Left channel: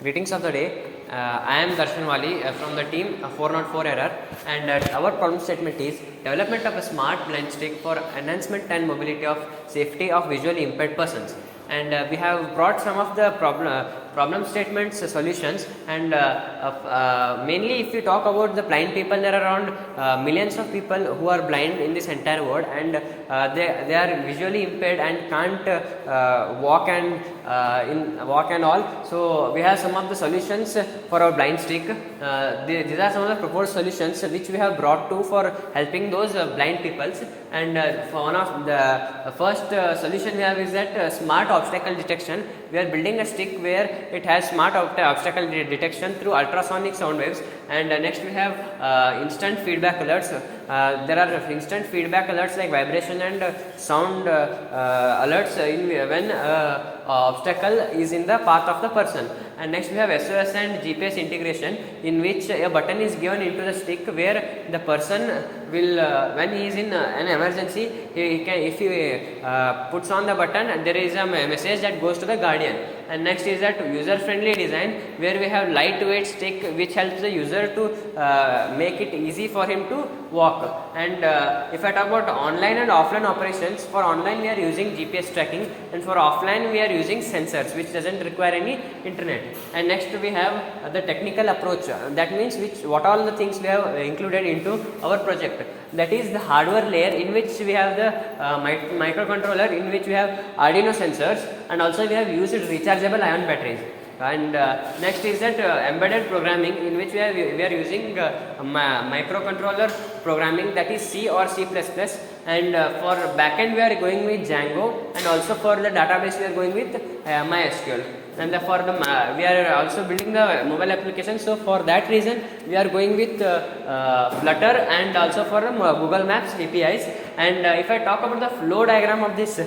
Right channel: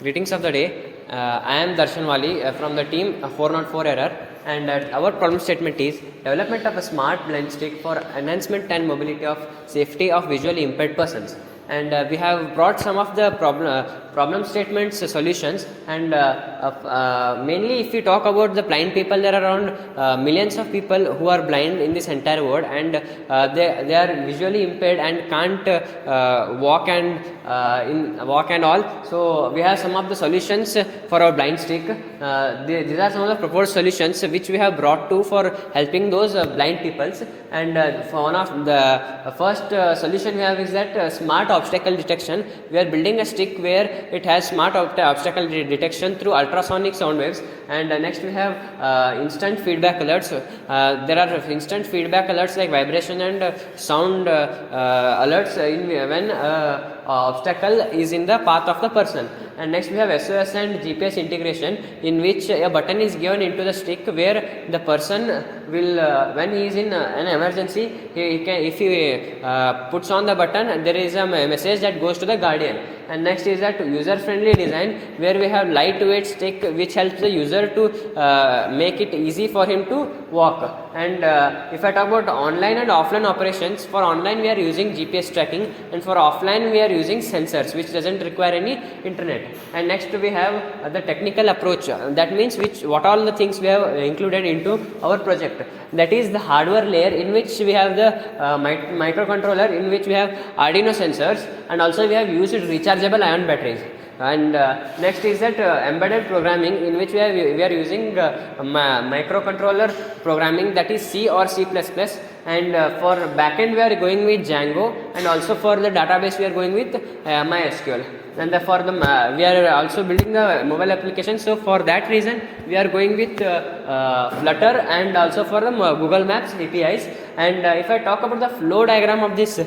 Greetings of the day. I am Darshan Wali from the team 404 Error, and our problem statement is development of a smart blend stick for enhancement and mobility of safety of visually impaired persons. And we have brought some of the problem statements solutions, and mainly if we talk about the blind people, there are around millions of people who are blind in this entire world, and they are visually impaired and can't walk and all. So we have some of the solutions for our blind stick. These are some of the proposed solutions which we have brought to for helping those blind peoples. And for one of the first solution we have is that smart obstacle detection. We are building a stick where it has smart obstacle detection through ultrasonic sound waves. And next we have instant feedback alerts. There are instant feedback alerts like vibration and sound alerts when obstacle is in the path of the person. And next we have SOS and GPS integration, in which a button is given into the stick where the person will when he is in an emergency, he can, if he puts on the button, there is a message that goes to the guardian. And next is that user friendly design, where we have lightweight stick which helps the user to make it easy for him to walk. And if I talk about online and offline operations, for online we are using GPS tracking, and for offline we are using sensors which doesn't require any internet. And next we have the technical approach, that means what all the things we have included into our project. That is the hardware layer, in which we have the microcontroller, in which we have Arduino sensors, and also we have used rechargeable ion batteries. And next is that embedded programming, in which we are using microcontroller programming, that is C or C++. And for backend we are going with Django, and also for the database we are going with MySQL. And we are also building a mobile application, so for that reason we are going with Flutter, and also for the Google Maps APIs. And if I talk about the flow diagram of this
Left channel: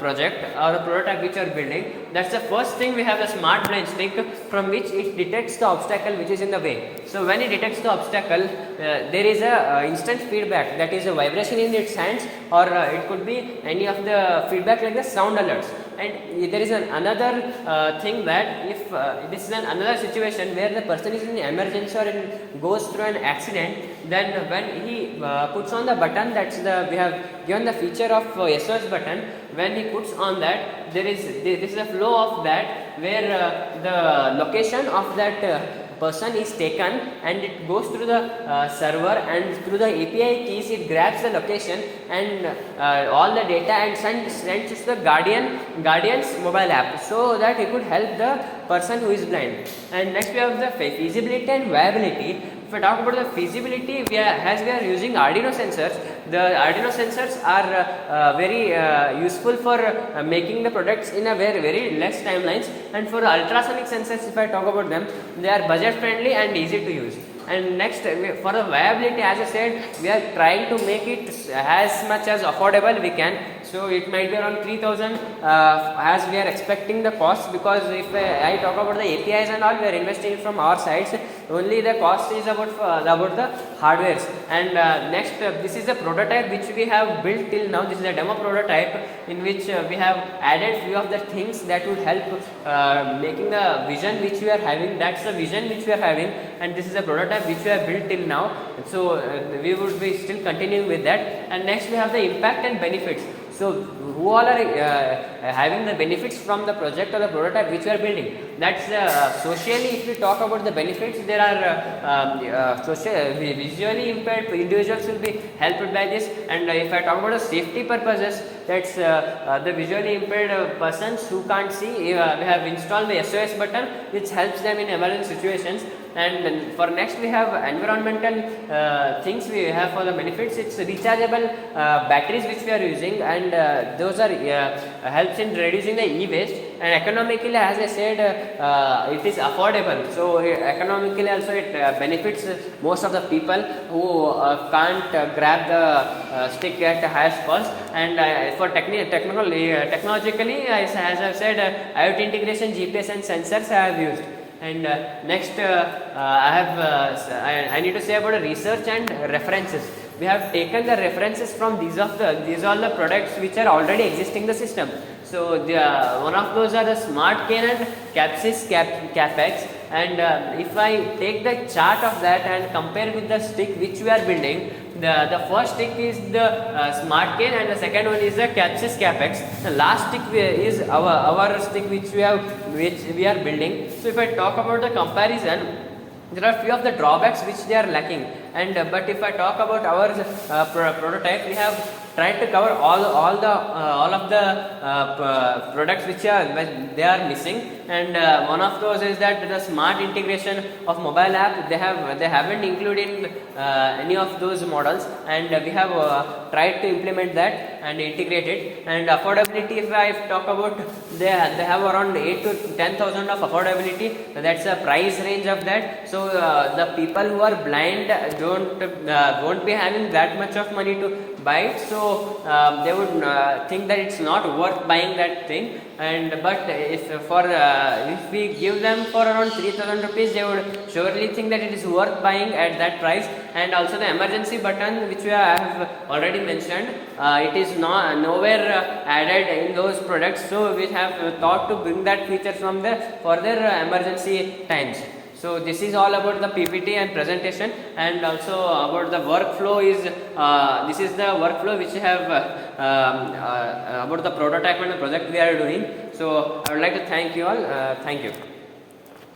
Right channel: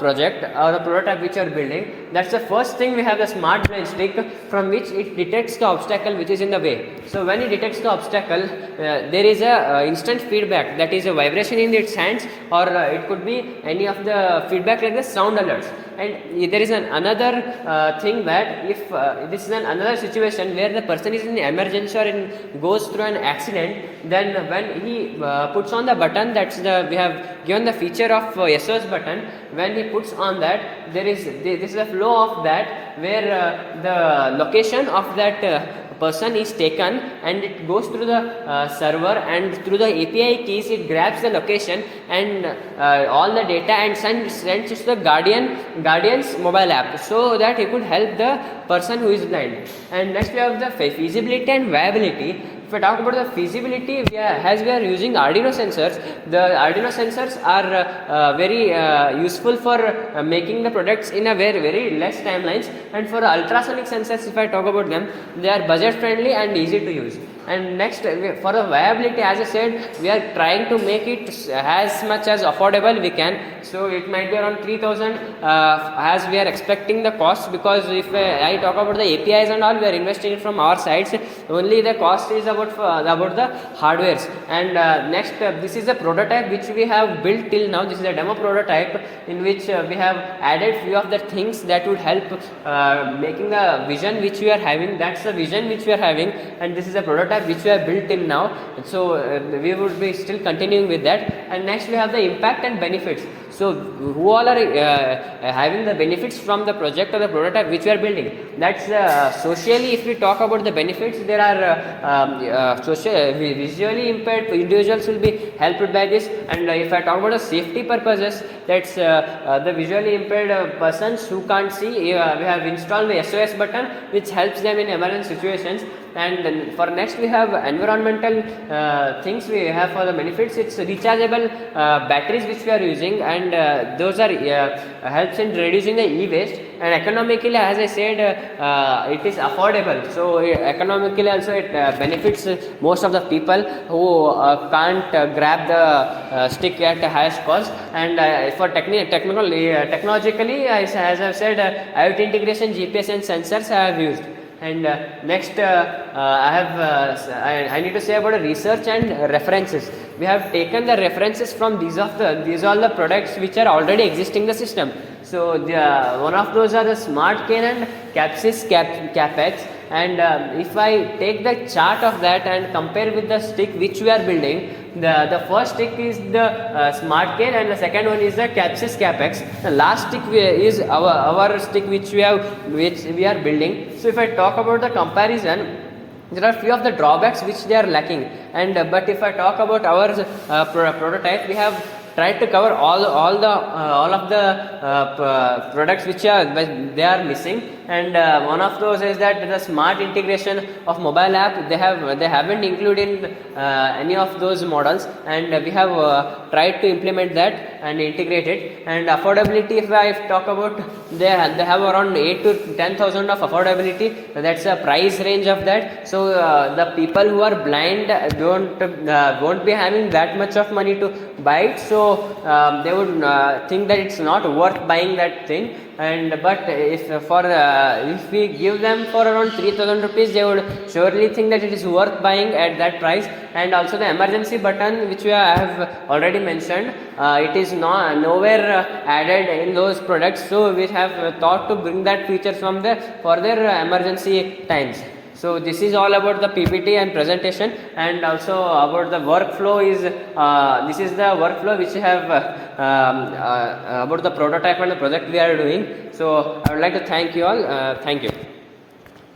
project or the prototype which we are building, that's the first thing. We have a smart blind stick from which it detects the obstacle which is in the way. So when it detects the obstacle, there is a instant feedback, that is a vibration in its hands, or it could be any of the feedback like the sound alerts. And there is another thing, that if this is another situation where the person is in emergency or goes through an accident, then when he puts on the button, we have given the feature of SOS button. When he puts on that, this is the flow of that, where the location of that person is taken, and it goes through the server, and through the API keys it grabs the location and all the data, and sends it to the guardian's mobile app, so that he could help the person who is blind. And next we have the feasibility and viability. If I talk about the feasibility, as we are using Arduino sensors, the Arduino sensors are very useful for making the products in a very less timelines. And for the ultrasonic sensors, if I talk about them, they are budget friendly and easy to use. And next, for the viability, as I said, we are trying to make it as much as affordable we can. So it might be around 3,000 as we are expecting the cost, because if I talk about the APIs and all, we are investing it from our sides. Only the cost is about the hardwares. And next, this is a prototype which we have built till now. This is a demo prototype, in which we have added few of the things that would help making the vision which we are having. That's the vision which we are having, and this is a prototype which we have built till now. So we would be still continuing with that. And next we have the impact and benefits. So who all are having the benefits from the project or the prototype which we are building? That's socially, if we talk about the benefits, there are visually impaired individuals will be helped by this. And if I talk about the safety purposes, that's the visually impaired persons who can't see, we have installed the SOS button which helps them in emergency situations. And then for next we have environmental things we have for the benefits. It's rechargeable batteries which we are using, and those are helps in reducing the e-waste. And economically, as I said, it is affordable. So economically also it benefits most of the people who can't grab the stick at the highest cost. And for technologically, as I said, IoT integration, GPS and sensors I have used. And next I need to say about research and references. We have taken the references from these all the products which are already existing in the system. So one of those are the smart cane and capex. And if I take the chart of that and compare with the stick which we are building, the first stick is the smart cane and the second one is the capex. The last stick is our stick which we are building. So if I talk about the comparison, there are few of the drawbacks which they are lacking, and but if I talk about our prototype, we have tried to cover all of the products which they are missing, and one of those is that the smart integration of mobile app they haven't included any of those models, and we have tried to implement that and integrate it. And affordability, if I talk about, they have around 8 to 10,000 of affordability. That's the price range of that. So the people who are blind won't be having that much of money to buy it. So they would think that it's not worth buying that thing. And but if we give them for around 3,000 rupees, they would surely think that it is worth buying at that price. And also the emergency button which we have already mentioned, it is nowhere added in those products. So we have thought to bring that feature from the further emergency times. So this is all about the PPT and presentation, and also about the workflow is this is the workflow which we have about the prototype and the project we are doing. So I would like to thank you all. Thank you.